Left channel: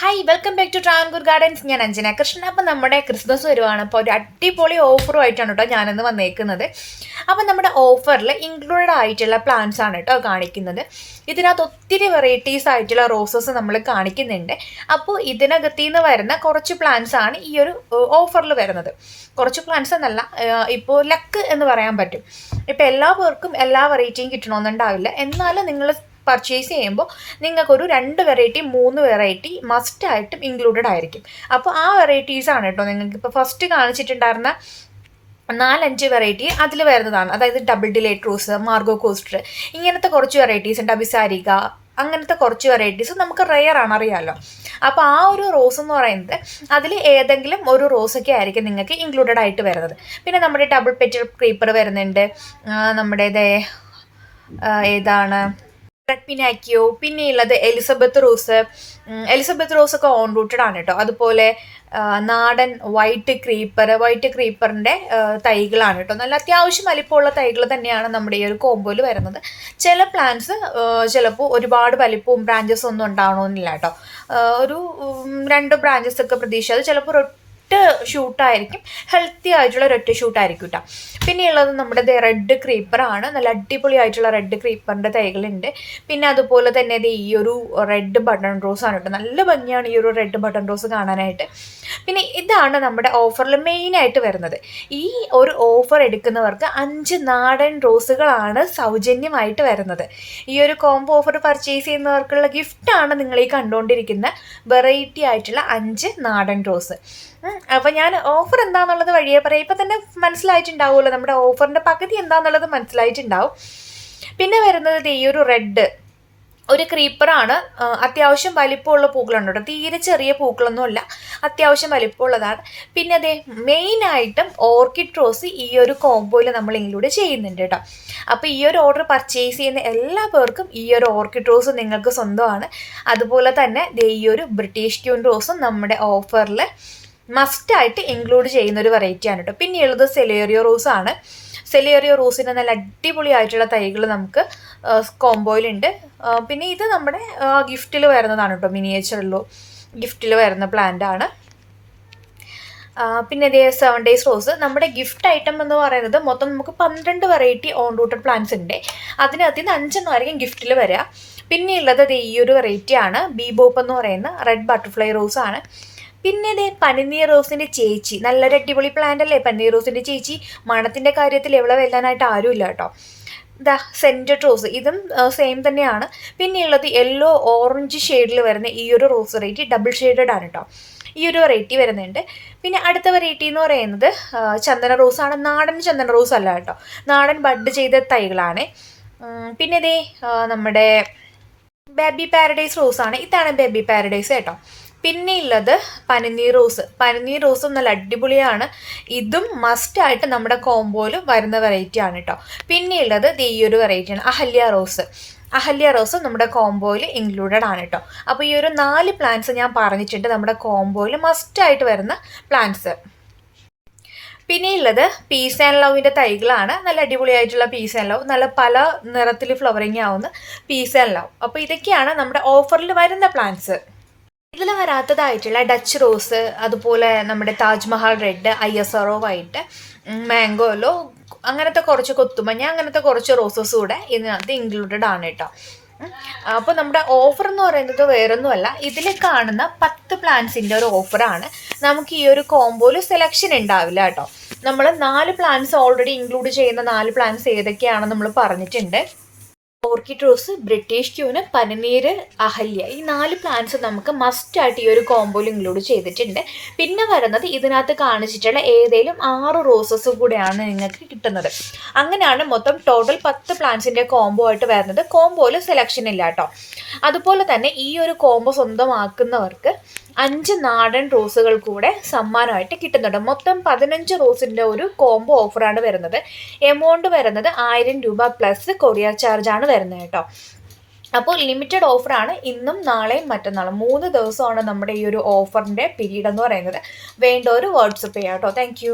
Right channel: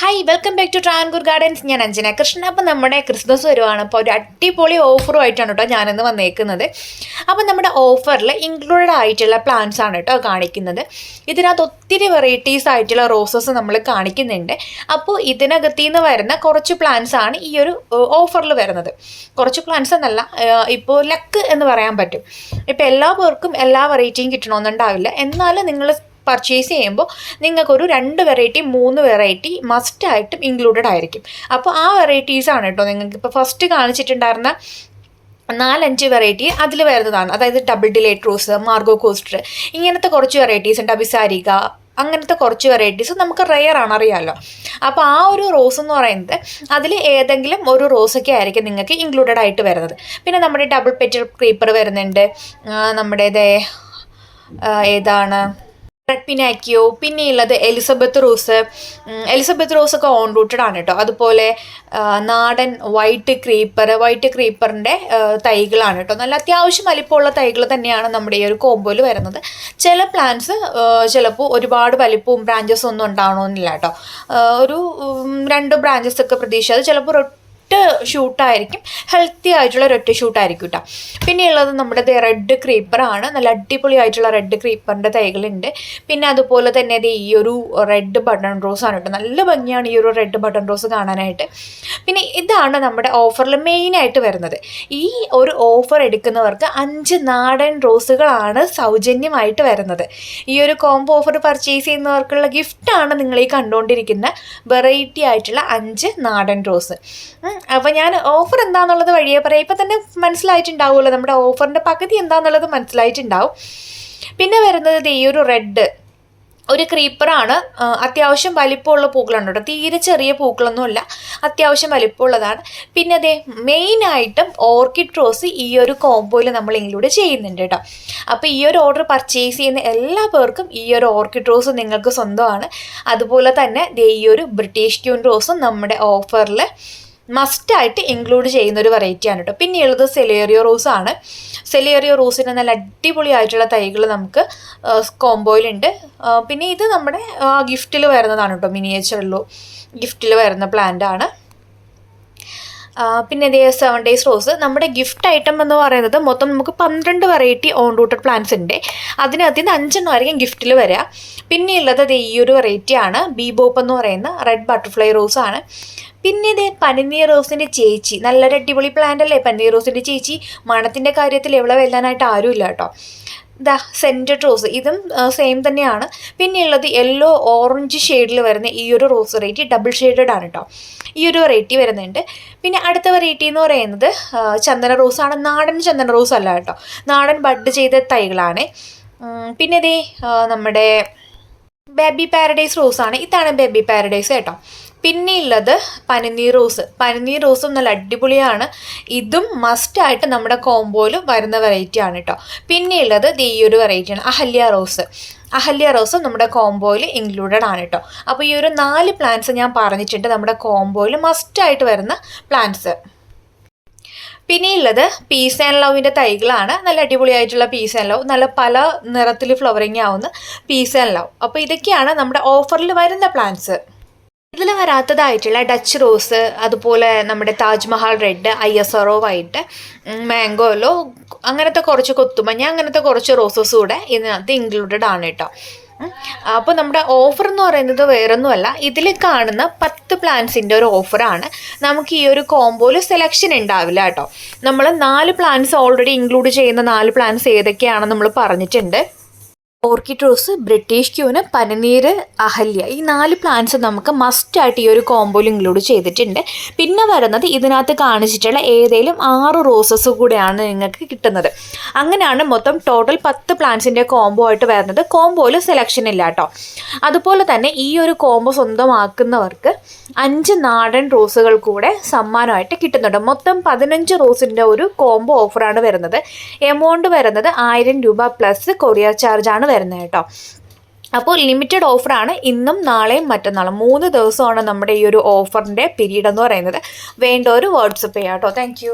Hi welcome back to Travancore gardens ഞാൻ അഞ്ജന കൃഷ്ണൻ. അപ്പം നമ്മുടെ ക്രിസ്മസ് വരുവാണ്. അപ്പോൾ ഒരു അടിപൊളി ഓഫറും ആയിട്ടാണ് കേട്ടോ ഞാനിന്ന് വന്നേക്കുന്നത്. അപ്പം നമ്മുടെ ഓഫറിൽ ഇൻക്ലൂഡഡ് ആയിട്ടുള്ള പ്ലാന്റ്സ് ആണ് കേട്ടോ കാണിക്കുന്നത്. ഇതിനകത്ത് ഒത്തിരി വെറൈറ്റീസ് ആയിട്ടുള്ള റോസസ് നമ്മൾ കാണിക്കുന്നുണ്ട്. അപ്പോൾ ഇതിനകത്തു നിന്ന് വരുന്ന കുറച്ച് പ്ലാന്റ്സ് ആണ് ഈ ഒരു ഓഫറിൽ വരുന്നത്. കുറച്ച് പ്ലാന്റ്സ് എന്നല്ല ഇപ്പോൾ ലക്ക് എന്ന് പറയാൻ പറ്റും. ഇപ്പോൾ എല്ലാ പേർക്കും എല്ലാ വെറൈറ്റിയും കിട്ടണമെന്നുണ്ടാവില്ല. എന്നാലും നിങ്ങൾ പർച്ചേസ് ചെയ്യുമ്പോൾ നിങ്ങൾക്കൊരു രണ്ട് വെറൈറ്റി മൂന്ന് വെറൈറ്റി മസ്റ്റായിട്ടും ഇൻക്ലൂഡഡ് ആയിരിക്കും. അപ്പോൾ ആ വെറൈറ്റീസാണ് കേട്ടോ നിങ്ങൾക്ക് ഇപ്പോൾ ഫസ്റ്റ് കാണിച്ചിട്ടുണ്ടായിരുന്ന നാലഞ്ച് വെറൈറ്റി അതിൽ വരുന്നതാണ്. അതായത് double delight rose Margo Koster ഇങ്ങനത്തെ കുറച്ച് വെറൈറ്റീസ് ഉണ്ട്. അഭിസാരിക അങ്ങനത്തെ കുറച്ച് വെറൈറ്റീസ് നമുക്ക് റെയർ ആണ് അറിയാമല്ലോ അപ്പോൾ ആ ഒരു റോസ് എന്ന് പറയുന്നത് അതിൽ ഏതെങ്കിലും ഒരു റോസൊക്കെ ആയിരിക്കും നിങ്ങൾക്ക് ഇൻക്ലൂഡഡ് ആയിട്ട് വരുന്നത്. പിന്നെ നമ്മുടെ ഡബിൾ പെറ്റൽ ക്രീപ്പർ വരുന്നുണ്ട്. നമ്മുടെ ഏതാണ്? പിനാക്കിയോ പിന്നെയുള്ളത് എലിസബത്ത് റോസ്. എലിസബത്ത് റോസ് ഒക്കെ ഓൺ റൂട്ടഡ് ആണ് കേട്ടോ. അതുപോലെ നാടൻ വൈറ്റ് ക്രീപ്പർ വൈറ്റ് ക്രീപ്പറിന്റെ തൈകളാണ് കേട്ടോ. നല്ല അത്യാവശ്യം വലിപ്പമുള്ള തൈകൾ തന്നെയാണ് നമ്മുടെ ഈ ഒരു കോമ്പോയിൽ വരുന്നത്. ചില പ്ലാന്റ്സ് ചിലപ്പോൾ ഒരുപാട് വലിപ്പവും ബ്രാഞ്ചസ് ഒന്നും ഉണ്ടാവണമെന്നില്ല കേട്ടോ. ഒരു രണ്ട് ബ്രാഞ്ചസ് ഒക്കെ പ്രതീക്ഷിച്ചത് ചിലപ്പോൾ ഒരൊറ്റ ഷൂട്ടായിരിക്കും. ഹെൽത്തി ആയിട്ടുള്ള ഒരൊറ്റ ഷൂട്ടായിരിക്കും കേട്ടോ പിന്നെയുള്ളത് നമ്മുടെ റെഡ് ക്രീപ്പറാണ് നല്ല അടിപൊളി ആയിട്ടുള്ള റെഡ് ക്രീപ്പറിന്റെ തൈകളുണ്ട്. പിന്നെ അതുപോലെ തന്നെ ഇത് ഈ ഒരു റെഡ് ബട്ടൺ റോസ് ആണ് കേട്ടോ നല്ല ഭംഗിയാണ് ഈ ഒരു റെഡ് ബട്ടൺ റോസ് കാണാനായിട്ട്. പിന്നെ ഇതാണ് നമ്മുടെ ഓഫറിൽ മെയിനായിട്ട് വരുന്നത്. ഈ ഒരു ഓഫർ എടുക്കുന്നവർക്ക് അഞ്ച് നാടൻ റോസുകളാണ് സൗജന്യമായിട്ട് വരുന്നത്. ഈ ഒരു കോംബോ ഓഫർ പർച്ചേസ് ചെയ്യുന്നവർക്കുള്ള ഗിഫ്റ്റാണ് നിങ്ങൾ ഈ കണ്ടുകൊണ്ടിരിക്കുന്ന വെറൈറ്റി ആയിട്ടുള്ള അഞ്ച് നാടൻ റോസ്. അപ്പോൾ ഞാൻ ഓഫർ എന്താണെന്നുള്ളത് വഴിയെ പറയാം. ഇപ്പം തന്നെ മനസ്സിലായിട്ടുണ്ടാവുമല്ലോ. നമ്മുടെ ഓഫറിന്റെ പകുതി എന്താണെന്നുള്ളത് മനസ്സിലായിട്ടുണ്ടാവും. പിന്നെ വരുന്നത് ഈ ഒരു റെഡ് ഒരു ക്രീപ്പറാണ് അത്യാവശ്യം വലിപ്പമുള്ള പൂക്കളാണ് കേട്ടോ. തീരെ ചെറിയ പൂക്കളൊന്നുമല്ല. അത്യാവശ്യം വലിപ്പമുള്ളതാണ്. പിന്നെ അതേ മെയിനായിട്ടും ഓർക്കിഡ് റോസ് ഈ ഒരു കോംബോയിൽ നമ്മൾ ഇൻക്ലൂഡ് ചെയ്യുന്നുണ്ട് കേട്ടോ. അപ്പോൾ ഈ ഒരു ഓർഡർ പർച്ചേസ് ചെയ്യുന്ന എല്ലാ പേർക്കും ഈ ഒരു ഓർക്കിഡ് റോസ് നിങ്ങൾക്ക് സ്വന്തമാണ്. അതുപോലെ തന്നെ ഈ ഒരു ബ്രിട്ടീഷ് ക്യൂൺ റോസും നമ്മുടെ ഓഫറിൽ മസ്റ്റായിട്ട് ഇൻക്ലൂഡ് ചെയ്യുന്ന ഒരു വെറൈറ്റിയാണ് കേട്ടോ പിന്നെയുള്ളത് സെലേറിയോ റോസ് ആണ്. സെലേറിയോ റോസിന്റെ നല്ല അടിപൊളിയായിട്ടുള്ള തൈകൾ നമുക്ക് കോംബോയിലുണ്ട് പിന്നെ ഇത് നമ്മുടെ ഗിഫ്റ്റിൽ വരുന്നതാണ് കേട്ടോ മിനിയേച്ചറിലോ ഗിഫ്റ്റിൽ വരുന്ന പ്ലാന്റ് ആണ്. പിന്നെ ഇതേ സെവൻ ഡേയ്സ് റോസ് നമ്മുടെ ഗിഫ്റ്റ് ഐറ്റം എന്ന് പറയുന്നത് മൊത്തം നമുക്ക് പന്ത്രണ്ട് വെറൈറ്റി ഓൺ റൂട്ടഡ് പ്ലാന്റ്സ് ഉണ്ട് അതിനകത്ത് നിന്ന് അഞ്ചെണ്ണം ആയിരിക്കും ഗിഫ്റ്റിൽ വരിക പിന്നെയുള്ളത് അത് ഈ ഒരു വെറൈറ്റി ആണ്. ബീബോപ്പ് എന്ന് പറയുന്ന റെഡ് ബട്ടർഫ്ലൈ റോസ് ആണ്. പിന്നെ ഇതേ പനിനീർ റോസിന്റെ ചേച്ചി. നല്ലൊരു അടിപൊളി പ്ലാന്റ് അല്ലേ? പനിനീർ റോസിന്റെ ചേച്ചി. മണത്തിന്റെ കാര്യത്തിൽ എവിടെ വെല്ലാനായിട്ട് ആരുമില്ല കേട്ടോ. ദ സെന്റഡ് റോസ് ഇതും സെയിം തന്നെയാണ്. പിന്നെയുള്ളത് യെല്ലോ ഓറഞ്ച് ഷെയ്ഡിൽ വരുന്ന ഈ ഒരു റോസ് വെറൈറ്റി ഡബിൾ ഷെയ്ഡഡ് ആണ് കേട്ടോ ഈ ഒരു വെറൈറ്റി വരുന്നുണ്ട്. പിന്നെ അടുത്ത വെറൈറ്റി എന്ന് പറയുന്നത് ചന്ദന റോസാണ് നാടൻ ചന്ദന റോസ് അല്ല കേട്ടോ. നാടൻ ബഡ് ചെയ്ത തൈകളാണ്. പിന്നെ ഇതേ നമ്മുടെ ബേബി പാരഡൈസ് റോസാണ് ഇതാണ് ബേബി പാരഡൈസ് കേട്ടോ. പിന്നെ ഉള്ളത് പനിനീർ റോസ്. പനിനീർ റോസും നല്ല അടിപൊളിയാണ്. ഇതും മസ്റ്റായിട്ട് നമ്മുടെ കോംബോയിൽ വരുന്ന വെറൈറ്റി ആണ് കേട്ടോ പിന്നെ ഉള്ളത് ഈ ഒരു വെറൈറ്റിയാണ് അഹല്യ റോസ്. അഹല്യ റോസും നമ്മുടെ കോംബോയിൽ ഇൻക്ലൂഡഡ് ആണ് കേട്ടോ അപ്പോൾ ഈ ഒരു നാല് പ്ലാന്റ്സ് ഞാൻ പറഞ്ഞിട്ടുണ്ട് നമ്മുടെ കോംബോയിൽ മസ്റ്റായിട്ട് വരുന്ന പ്ലാന്റ്സ് പിന്നെയുള്ളത് പീസ് ആൻഡ് ലവിന്റെ തൈകളാണ്. നല്ല അടിപൊളിയായിട്ടുള്ള പീസ് ആൻഡ് ലവ് നല്ല പല നിറത്തിൽ ഫ്ലവറിങ് ആവുന്ന പീസ് ആൻഡ് ലവ് അപ്പോൾ ഇതൊക്കെയാണ് നമ്മുടെ ഓഫറിൽ വരുന്ന പ്ലാന്റ്സ് ഇതിൽ വരാത്തതായിട്ടുള്ള ഡച്ച് റോസ് അതുപോലെ നമ്മുടെ Taj Mahal red I S R മാംഗോലോ അങ്ങനത്തെ കുറച്ച് കൊത്തുമഞ്ഞ അങ്ങനത്തെ കുറച്ച് റോസസ് കൂടെ ഇതിനകത്ത് ഇൻക്ലൂഡഡ് ആണ് കേട്ടോ. അപ്പോൾ നമ്മുടെ ഓഫർ എന്ന് പറയുന്നത് വേറൊന്നുമല്ല. ഇതിൽ കാണുന്ന പത്ത് പ്ലാൻസിന്റെ ഒരു ഓഫറാണ് നമുക്ക് ഈ ഒരു കോംബോയിൽ സെലക്ഷൻ ഉണ്ടാവില്ല കേട്ടോ. നമ്മൾ നാല് പ്ലാന്റ്സ് ഓൾറെഡി ഇൻക്ലൂഡ് ചെയ്യുന്ന നാല് പ്ലാന്റ്സ് ഏതൊക്കെയാണെന്ന് നമ്മൾ പറഞ്ഞിട്ടുണ്ട്. ഓർക്കിഡ് റോസ് ബ്രിട്ടീഷ് ക്യൂന് പനിനീര് അഹല്യ ഈ നാല് പ്ലാന്റ്സ് നമുക്ക് മസ്റ്റായിട്ട് ഈ ഒരു കോമ്പോയിൽ ഇൻക്ലൂഡ് ചെയ്തിട്ടുണ്ട്. പിന്നെ വരുന്നത് ഇതിനകത്ത് കാണിച്ചിട്ടുള്ള ഏതെങ്കിലും ആറ് റോസസ് കൂടെയാണ് നിങ്ങൾക്ക് കിട്ടുന്നത്. അങ്ങനെയാണ് മൊത്തം ടോട്ടൽ പത്ത് പ്ലാന്റ്സിന്റെ കോംബോ ആയിട്ട് വരുന്നത്. കോംബോയിൽ സെലക്ഷൻ ഇല്ല കേട്ടോ അതുപോലെ തന്നെ ഈ ഒരു കോംബോ സ്വന്തമാക്കുന്നവർക്ക് അഞ്ച് നാടൻ റോസുകൾ കൂടെ സമ്മാനമായിട്ട് കിട്ടുന്നുണ്ട്. മൊത്തം പതിനഞ്ച് റോസിന്റെ ഒരു കോംബോ ഓഫറാണ് വരുന്നത്. എമൗണ്ട് വരുന്നത് ആയിരം രൂപ പ്ലസ് കൊറിയർ ചാർജാണ് വരുന്നത് കേട്ടോ. അപ്പോൾ ലിമിറ്റഡ് ഓഫറാണ് ഇന്നും നാളെയും മറ്റന്നാളും മൂന്ന് ദിവസമാണ് നമ്മുടെ ഈ ഒരു ഓഫറിന്റെ പീരീഡ് എന്ന് പറയുന്നത്. വേണ്ട ഒരു വാട്സപ്പ് ചെയ്യാം കേട്ടോ. താങ്ക്